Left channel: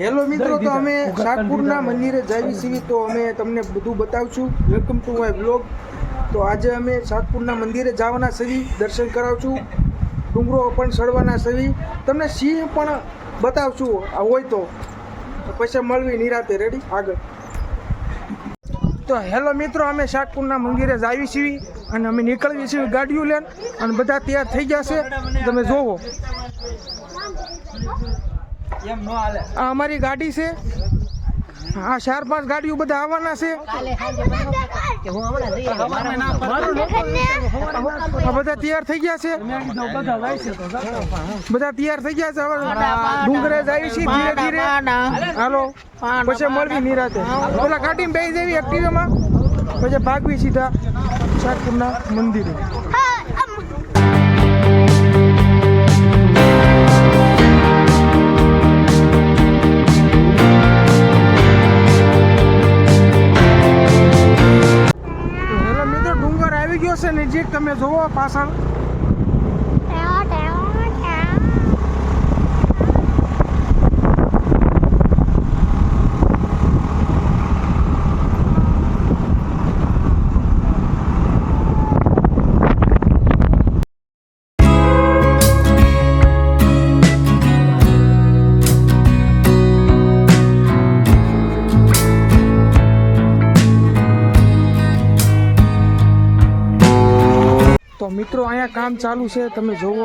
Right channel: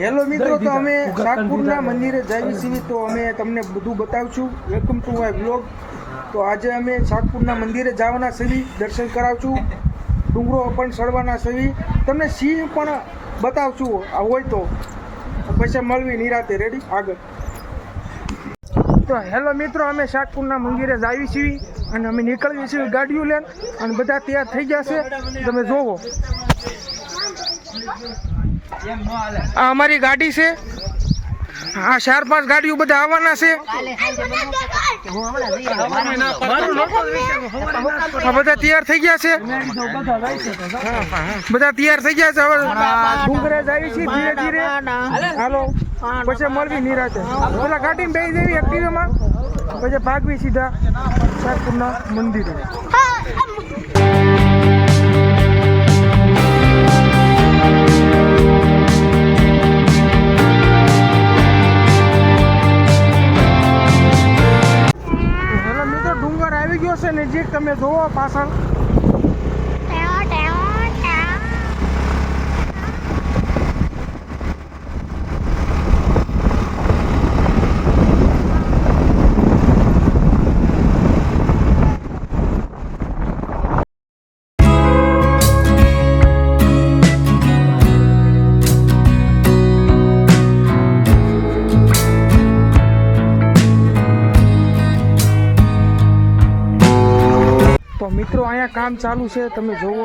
Hello મિત્રો, તો અમે શાકપુરના મંદિરે જાવી છીએ, તો અમે તમને બધું બતાવશું. Welcome to my blog. તો આજે અમે શાકપુરના મંદિરે જવાના છીએ, દર્શન કરાવશું, ડુંગરો પણ ચડવાના છીએ, તમને સિંહ પણ બતાવશું આ હોય તો. પછી મળવી નિરાતે. રેડી આગળ. તો હેલો મિત્રો, અમે શાકપુરના મંદિરે જાવી છીએ અને અમે નીકળીએ છીએ ગાડીઓ લઈને અને બધા તૈયાર થઈ ગયા છે. તમે જોવો, આ અમારી ગાડી છે. હા, 4-5 ગાડીઓ બધા આવવાના છે. બધા તૈયાર થઈ ગયા છે. બધા તૈયાર થઈ ગયા છે. હવે ડુંગરે જાય છે ધીરે ધીરે. હાલો, પછી મળવી નિરાતે. પેલા ગાડીને બેસી દેવી એક્ટિવામાં, પછી ભાગવી સીધા શાકપુરના મંદિરે. નજીક તમે જોવો પાછળ. તો મિત્રો, અહીંયા કામ ચાલુ છે, તમે જોવો.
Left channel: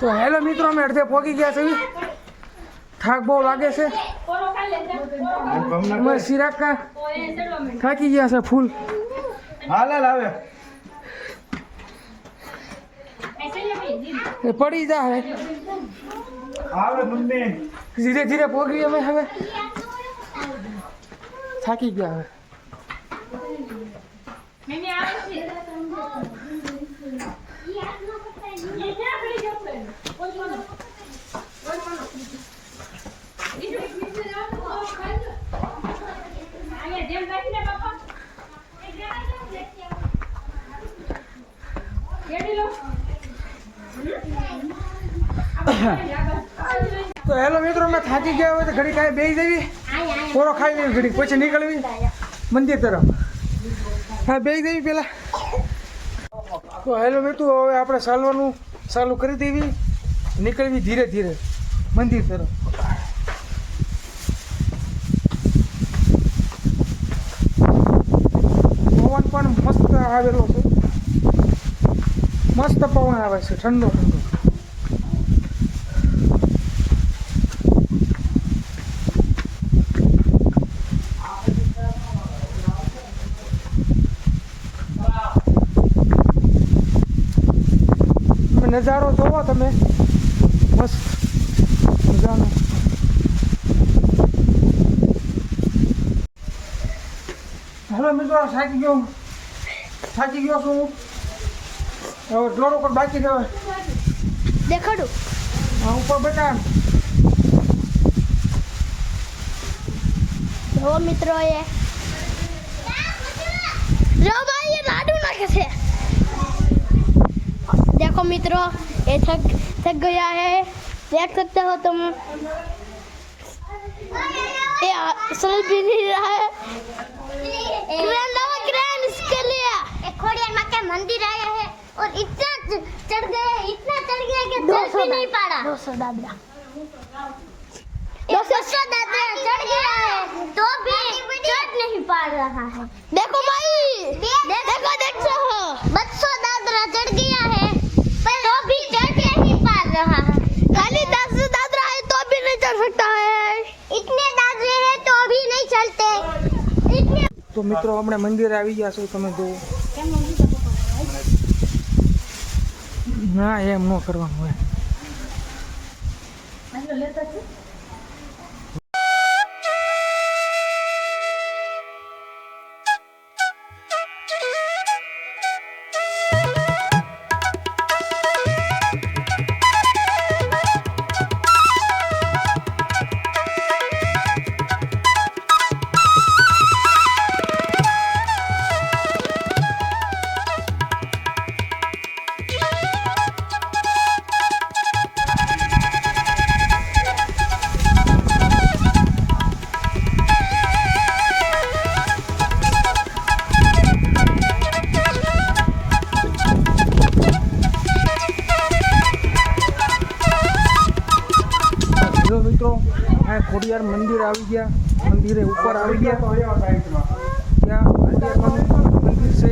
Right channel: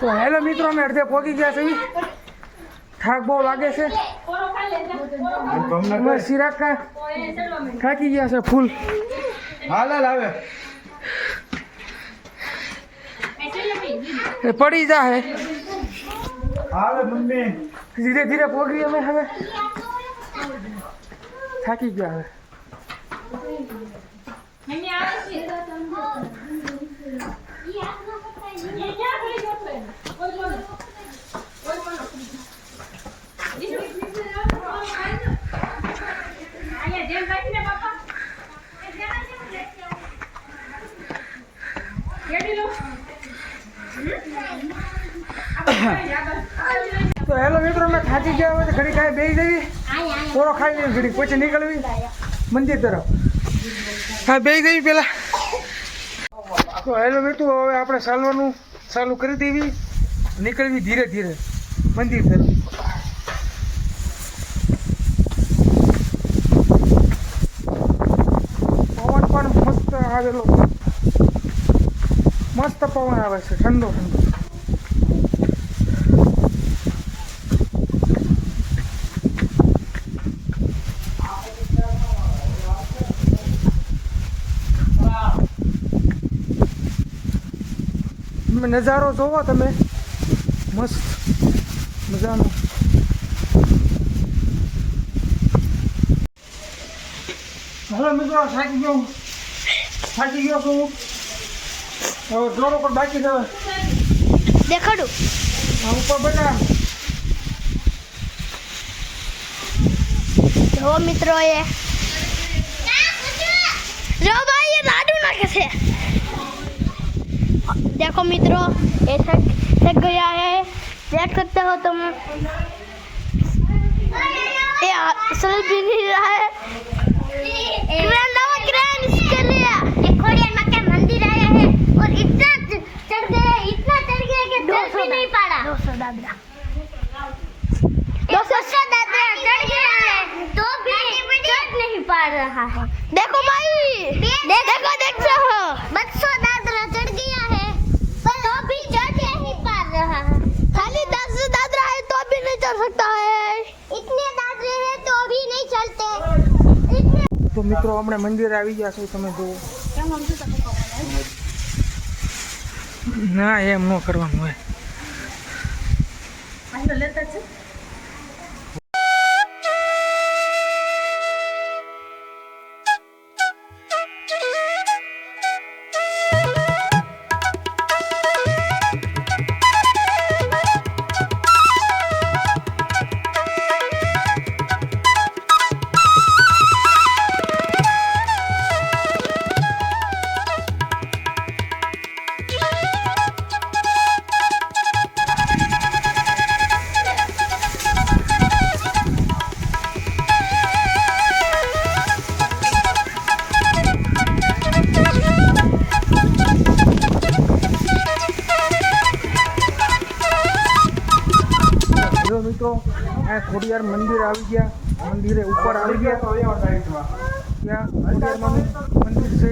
તો હેલો મિત્રો, અમે અડધે પહોંચી ગયા છે. થાક બહુ લાગે છે. સિરાગ થાકી ગયા છે ફૂલ. પડી જાય. ધીરે ધીરે પહોંચી અમે. હવે થાકી ગયા. તો હેલો મિત્રો, અમે થાકી ગયા હોય તો ઘડી કાંઈ બેસી જવી, પોરો ખાઈ લેવી ઘડી, પછી નીકળવી મંદિર તરફ. હા, બેસી જવી પેલા. તો હેલો મિત્રો, હવે આપણે ચાલવાનું ચાલુ કરી દેવી, નીકળવી ધીરે ધીરે મંદિર તરફ. પવન પણ મસ્ત આવેલો છે. મસ્ત પવન આવે છે, ઠંડો ઠંડો. નજારો જોવો તમે, મસ્ત મજાનો. હલો મિત્રો, થાકી ગયો છું. હવે જોડો પર બાકી છે. દેખાડું ઉપર બધા જો મિત્રો, એ જો ભાઈ, ये लाडू नाखे से देखो मित्रों, ये थक गया है, देख सकते हो तुम. ये चल भी नहीं रहा है. क्रेन इसके लिए एक खोड़िया माँ के मंदिर आया है और इतना चढ़ गया कि 200 नहीं पाड़ा. 200 दादरा चढ़ गया है तो भी चढ़ नहीं पा रहा है. देखो भाई, देखो देखते हो 200 दादरा चढ़ गया है पर तो भी चढ़ नहीं पा रहा है. खाली 10 दादरा है तो भी नहीं चढ़ सकता है. इतने दादरे हैं तो भी नहीं चलते. તો મિત્રો, હમણાં મંદિરે આવી ગયા છો, તમે જુઓ. ના, એમ ન કરવાનું હોય. જો મિત્રો આ ખોડિયાર મંદિર આવી ગયા, મંદિરે ઉપર આવી ગયા. ત્યાં ખોડિયારમાંનું મંદિર છે.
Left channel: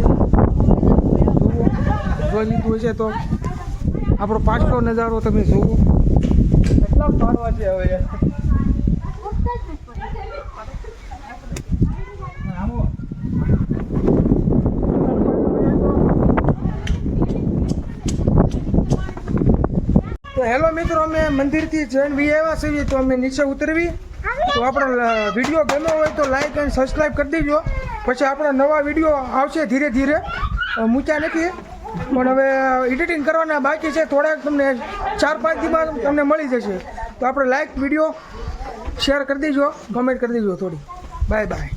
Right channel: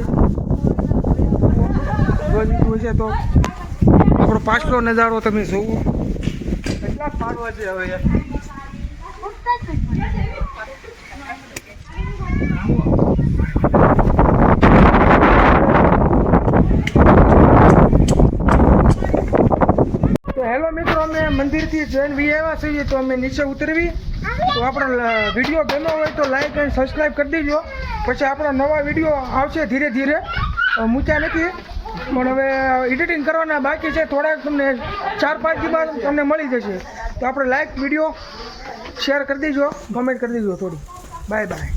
જોઈ લીધું છે તો આપણો પાછલો નજારો તમે જોવો. કેટલા પાડવા છે હવે તો હેલો મિત્રો, અમે મંદિરથી જઈને વી આવ્યા છીએ તો અમે નીચે ઉતરવી. તો આપણો વિડીયો ગમ્યો હોય તો લાઈક અને સબસ્ક્રાઈબ કરી દેજો. પછી આપણા નવા વિડીયો આવશે ધીરે ધીરે. મૂક્યા નથી પણ હવે એડિટિંગ કરવાના બાકી છે. થોડાક તમને 4-5 દિવસમાં તમને મળી જશે. તો આપણે લાઈક વિડીયો શેર કરી દેજો, કમેન્ટ કરી દેજો થોડી. Bye bye.